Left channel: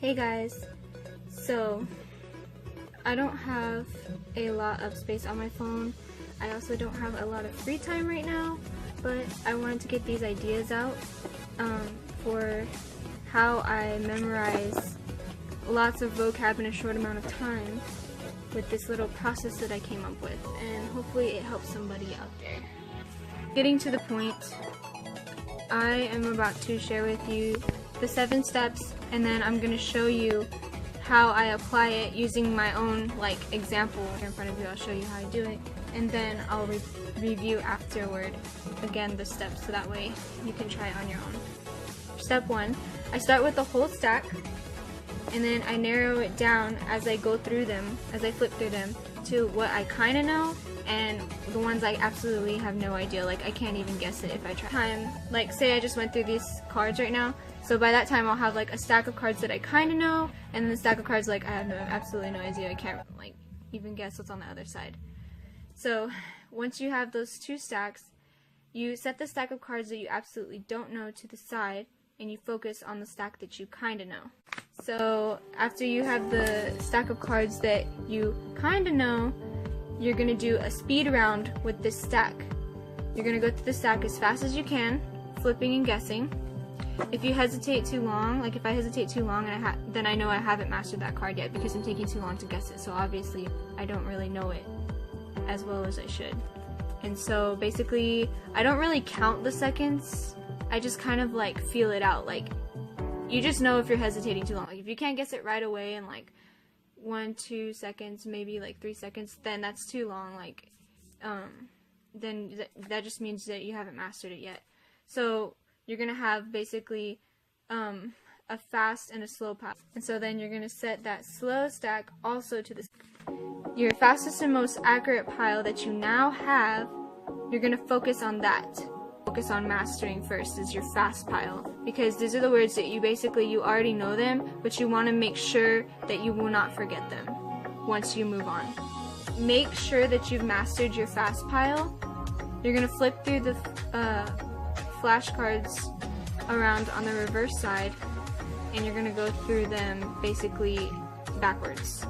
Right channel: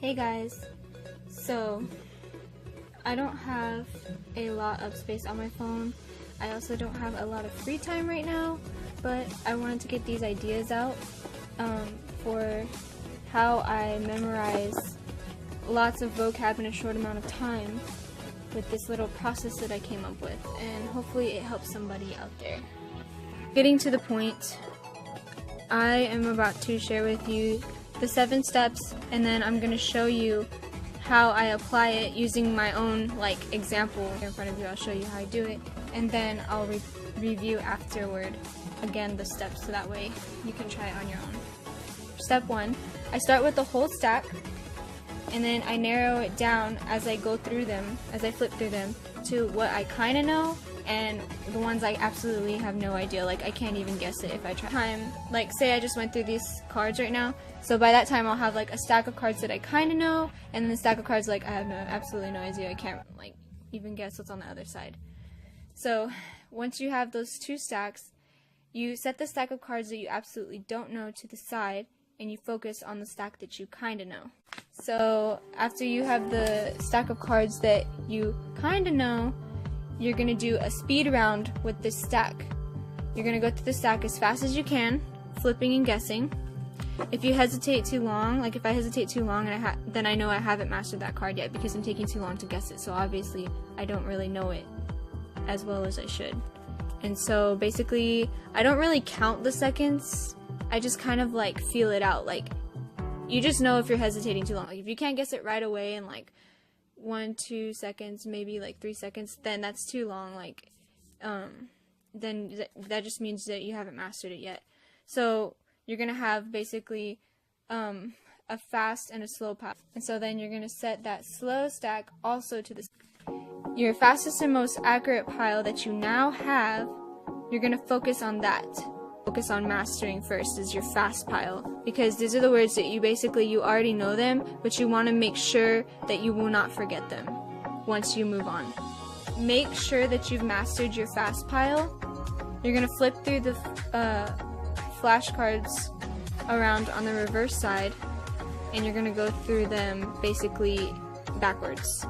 Hey guys, so I don't have a lot of space on my phone. I also don't have a lot of free time right now, but I wanted to get these ideas out for how I memorize lots of vocab in a short amount of time with this little process that I came up with, and hopefully it helps somebody out there. Getting to the point, I am about to share with you the 7 steps, and then I'm going to show you how I apply it using my own example in front of you. I'll show you how I do it, and then I'll review afterward again the steps, so that way you can try it on your own. Step 1, I start with the whole stack, and then I narrow it down as I go through them, as I flip through them, to what I kind of know and the ones I absolutely have no idea. Like, I can't even guess it if I try. Say I just went through these cards right now, so by that time I'll have a stack of cards that I kind of know, and then the stack of cards I have absolutely no idea. I can't even guess what's on the other side. So once you have those 2 stacks, you set the stack of cards that you absolutely don't know to the side, and you focus on the stack that you kind of know. So after you have the stack of cards that you kind of know, you're going to do a speed round with this stack. You're going to go through the stack as fast as you can, flipping and guessing. If you hesitate too long, if I hesitate too long, then I know I haven't mastered that card yet because I'm taking too long to guess it. So obviously I don't really know it as well as I should. And so basically I don't really count the seconds. I just kind of feel it out. You just know if you're hesitating too long. If you can't guess it right away in 1, 2 seconds, maybe 3 seconds, then that's too long. Then that just means that you haven't mastered it yet. So you're gonna have basically a fast and a slow pile. And so then you're gonna set that slow stack also to your fastest and most accurate pile that you now have. You're gonna focus on that. Focus on mastering first is your fast pile, because these are the words that you already know them, but you want to make sure that you will not forget them once you move on. Make sure that you've mastered your fast pile. You're going to flip through the flashcards around on the reverse side, and you're going to go through them basically backwards.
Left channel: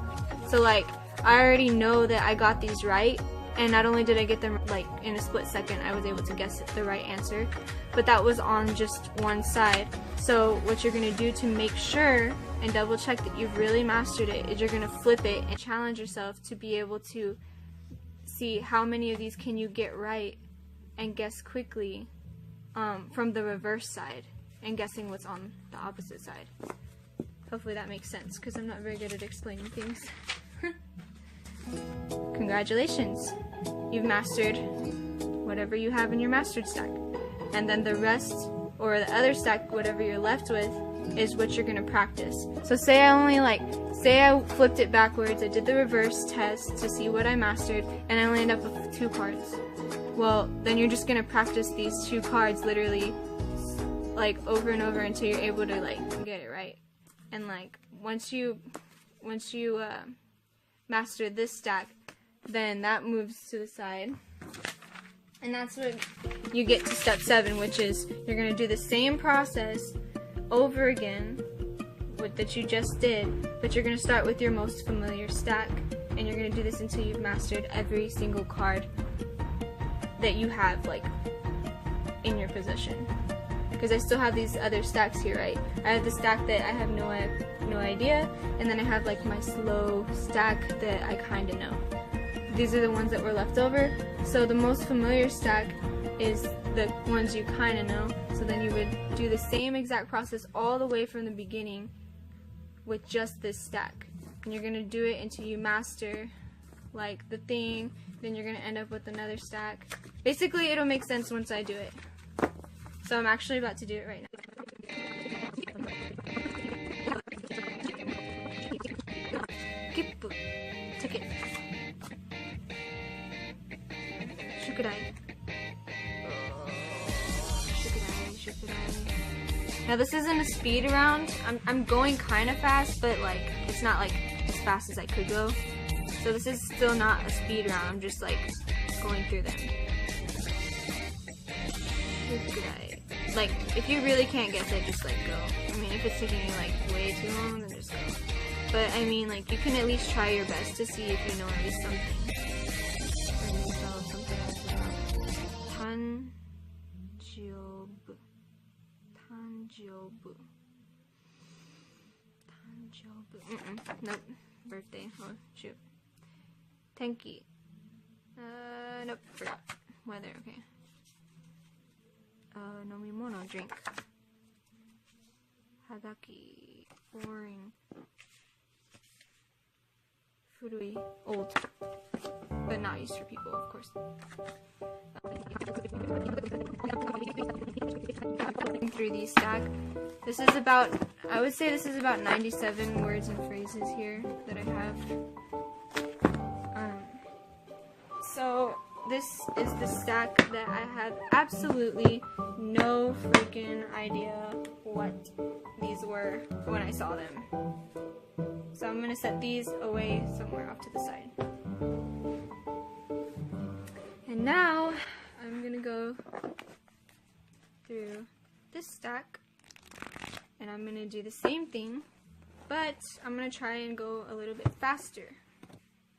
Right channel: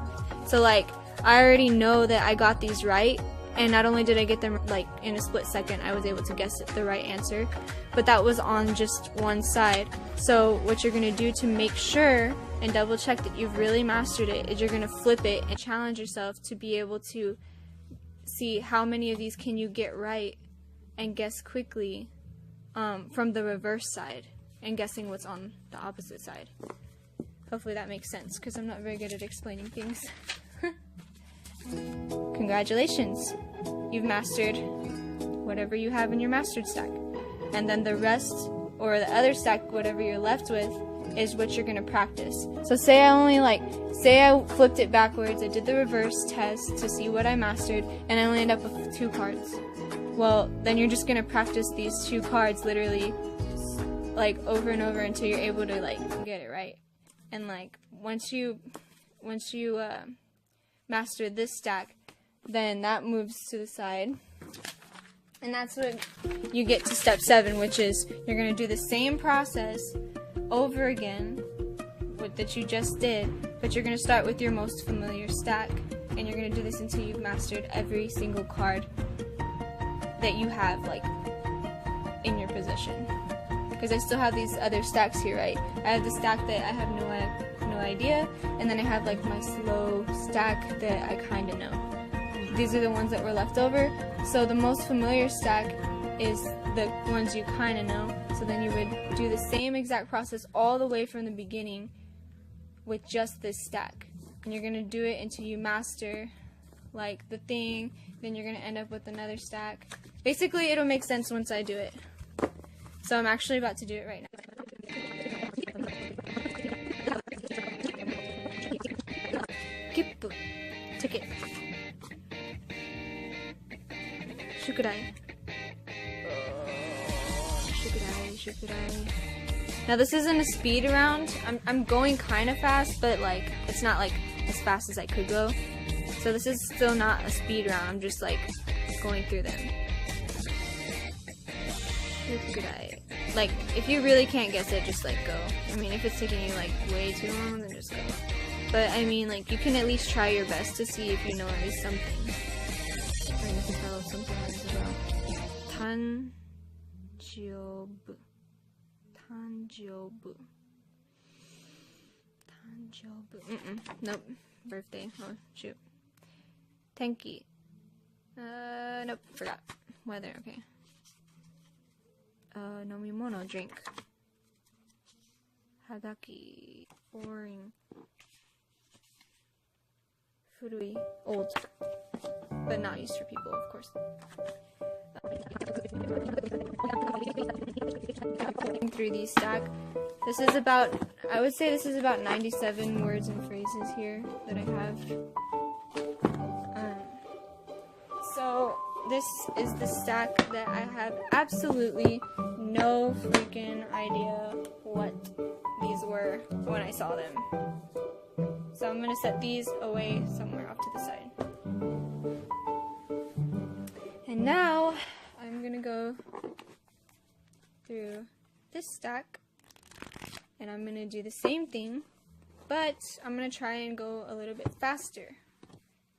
So I already know that I got these right, and not only did I get them in a split second, I was able to guess the right answer, but that was on just one side. So what you're going to do to make sure and double check that you've really mastered it is you're going to flip it and challenge yourself to be able to see how many of these can you get right and guess quickly from the reverse side and guessing what's on the opposite side. Hopefully that makes sense, because I'm not very good at explaining things. Congratulations! You've mastered whatever you have in your mastered stack. And then the rest, or the other stack, whatever you're left with, is what you're going to practice. So say I flipped it backwards, I did the reverse test to see what I mastered, and I only end up with 2 cards. Well, then you're just going to practice these 2 cards literally over and over until you're able to get it right. And once you master this stack, then that moves to the side, and that's what you get to step 7, which is you're going to do the same process over again that you just did, but you're going to start with your most familiar stack, and you're going to do this until you've mastered every single card that you have in your possession. Because I still have these other stacks here, right? I have the stack that I have no idea, and then I have my slow stack that I kind of know. These are the ones that were left over. So the most familiar stack is the ones you kind of know. So then you would do the same exact process all the way from the beginning with just this stack. And you're going to do it until you master the thing. Then you're going to end up with another stack. Basically, it'll make sense once I do it. So I'm actually about to do it right now. Kipu. Ticket. Shukudai. Shukudai. Now this isn't a speed round. I'm going kind of fast, but it's not as fast as I could go. So this is still not a speed round. I'm just going through them. Shukudai. like, if you really can't guess it, just like go. I mean, if it's taking you like way too long, then just go. But I mean, like, you can at least try your best to see if you know at least something. Or you can tell something else about Tanjobu. Tanjobu. Tanjobu. Nope. Birthday. Oh, shoot. Tenki. Nope. Forgot. Weather. Okay. Nomimono. Drink. Hagaki. Boring. Furui. Old. But not used for people, of course. Through these stack. This is about, I would say this is about 97 words and phrases here that I have. So this is the stack that I have absolutely no freaking idea what these were when I saw them. So I'm going to set these away somewhere off to the side. And now I'm going to go through this stack and I'm going to do the same thing, but I'm going to try and go a little bit faster.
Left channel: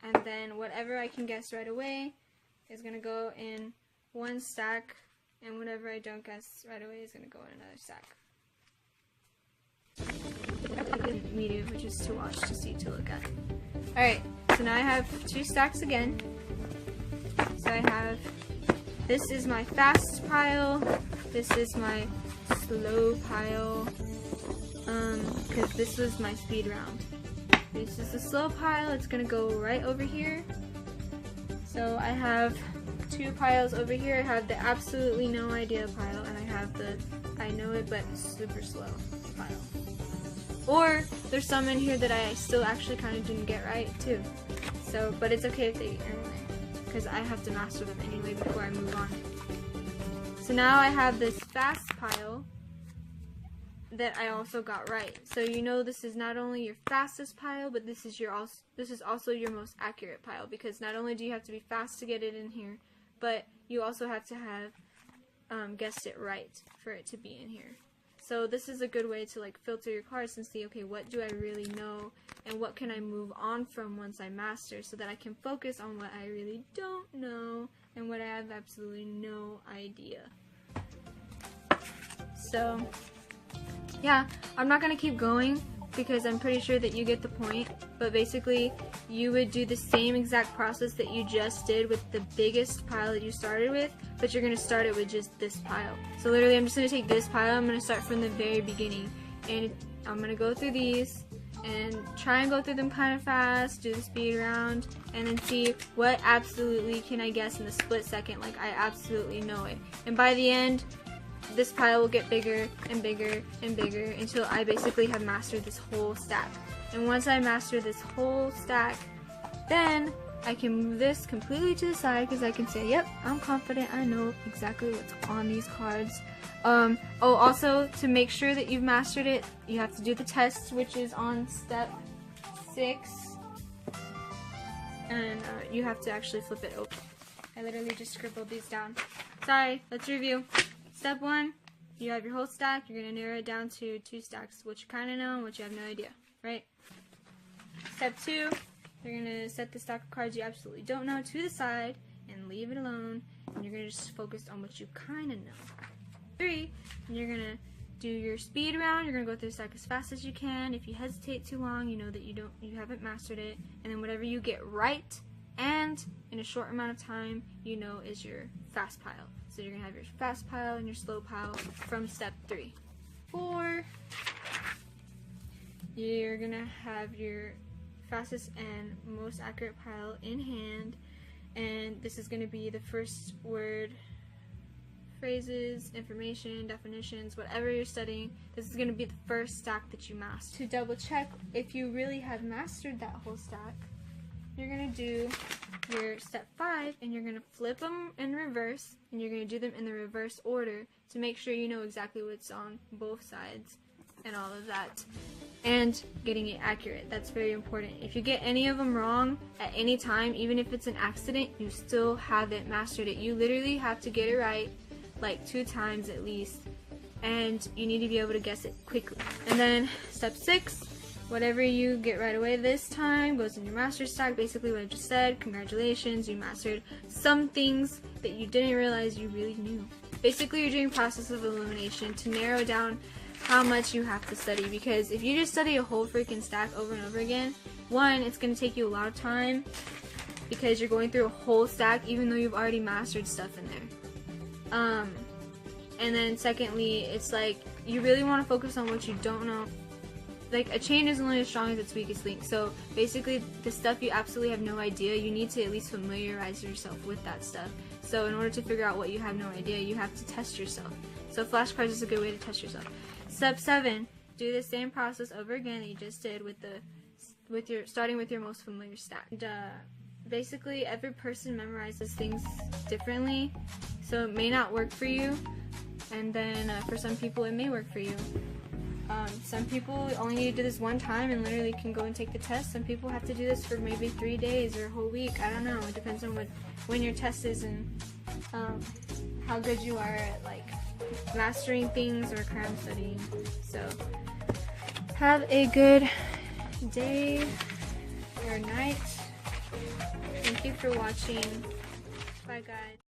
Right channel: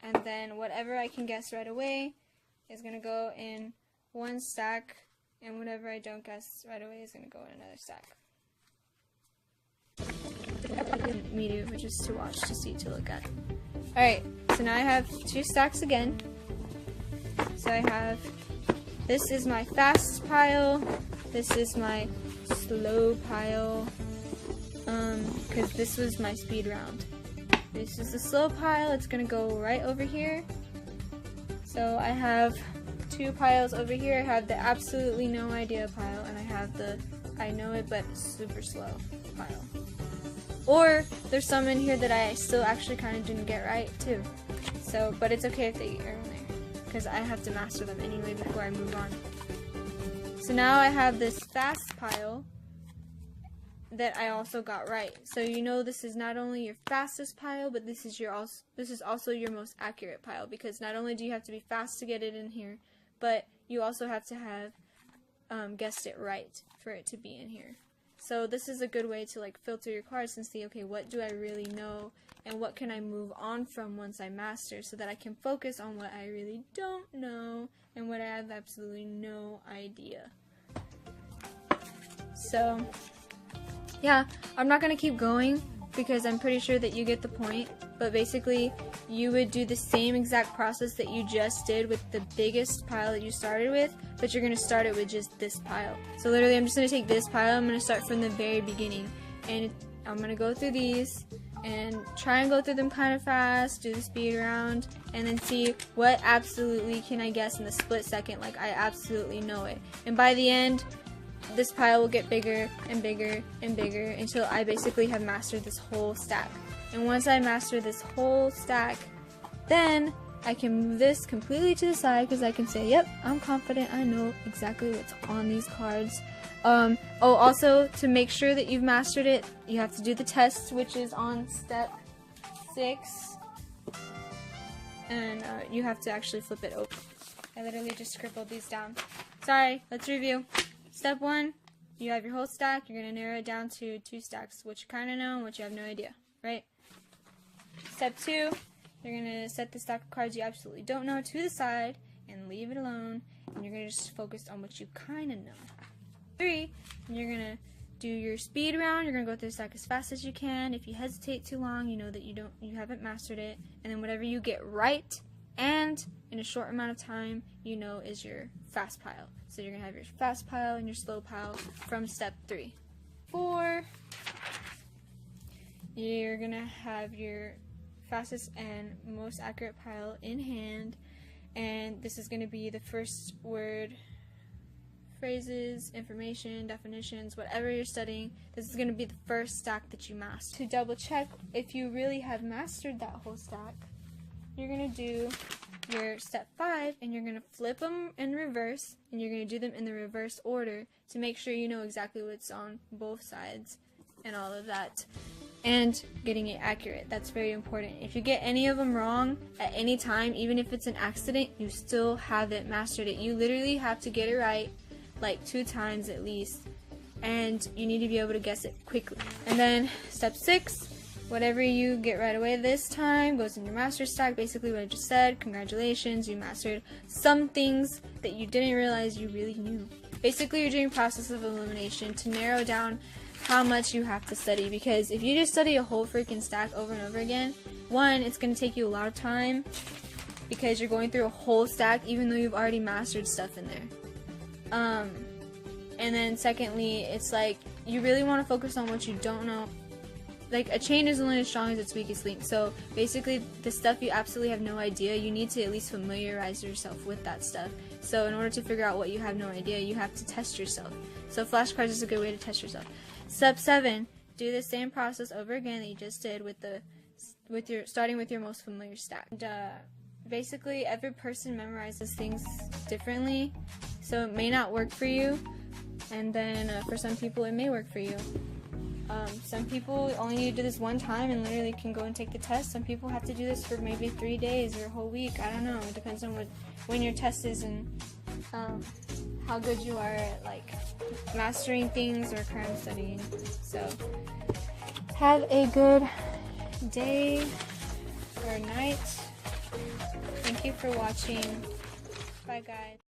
And then whatever I can guess right away is going to go in one stack, and whatever I don't guess right away is going to go in another stack. Me do, which is to watch, to see, to look at. Alright, so now I have two stacks again. So I have, this is my fast pile, this is my slow pile, because this was my speed round. This is the slow pile, it's going to go right over here. So I have two piles over here. I have the absolutely no idea pile, and I have the I know it but super slow pile. Or there's some in here that I still actually kind of didn't get right too. So, but it's okay if they are in there, because I have to master them anyway before I move on. So now I have this fast pile that I also got right. So you know this is not only your fastest pile, but this is also your most accurate pile, because not only do you have to be fast to get it in here, but you also have to have guessed it right for it to be in here. So this is a good way to like filter your cards and see, okay, what do I really know and what can I move on from once I master, so that I can focus on what I really don't know and what I have absolutely no idea. So yeah, I'm not going to keep going because I'm pretty sure that you get the point, but basically you would do the same exact process that you just did with the biggest pile that you started with, but you're going to start it with just this pile. So literally I'm just going to take this pile, I'm going to start from the very beginning, and I'm going to go through these and try and go through them kind of fast, do the speed round, and then see what absolutely can I guess in the split second, like I absolutely know it. And by the end, this pile will get bigger and bigger and bigger until I basically have mastered this whole stack. And once I master this whole stack, then I can move this completely to the side, because I can say, yep, I'm confident, I know exactly what's on these cards. Oh, also, to make sure that you've mastered it, you have to do the test, which is on step 6. And you have to actually flip it open. I literally just scribbled these down. Sorry, let's review. Step 1, you have your whole stack. You're going to narrow it down to 2 stacks, what you kind of know and what you have no idea, right? Step 2, you're going to set the stack of cards you absolutely don't know to the side and leave it alone, and you're going to just focus on what you kind of know. 3, you're going to do your speed round. You're going to go through the stack as fast as you can. If you hesitate too long, you know that you haven't mastered it, and then whatever you get right and in a short amount of time, you know is your fast pile. So you're going to have your fast pile and your slow pile from step 3. 4, you're going to have your fastest and most accurate pile in hand, and this is going to be the first word, phrases, information, definitions, whatever you're studying. This is going to be the first stack that you master. To double check if you really have mastered that whole stack, you're going to do your step 5, and you're going to flip them in reverse, and you're going to do them in the reverse order to make sure you know exactly what's on both sides and all of that, and getting it accurate. That's very important. If you get any of them wrong at any time, even if it's an accident, you still haven't mastered it. You literally have to get it right like 2 times at least and you need to be able to guess it quickly. And then step 6, whatever you get right away this time goes in your master stack. Basically what I just said, congratulations, you mastered some things that you didn't realize you really knew. Basically you're doing process of elimination to narrow down how much you have to study, because if you just study a whole freaking stack over and over again, one, it's going to take you a lot of time because you're going through a whole stack even though you've already mastered stuff in there. And then secondly, it's like you really want to focus on what you don't know. Like, a chain is only as strong as its weakest link. So basically the stuff you absolutely have no idea, you need to at least familiarize yourself with that stuff. So in order to figure out what you have no idea, you have to test yourself. So flashcards is a good way to test yourself. Step 7, do the same process over again that you just did starting with your most familiar stack. And, basically every person memorizes things differently, so it may not work for you, and then for some people it may work for you. Some people only need to do this one time and literally can go and take the test. Some people have to do this for maybe 3 days or a whole week. I don't know. It depends on when your test is and how good you are at like mastering things or cram studying. So have a good day or night. Thank you for watching. Bye guys.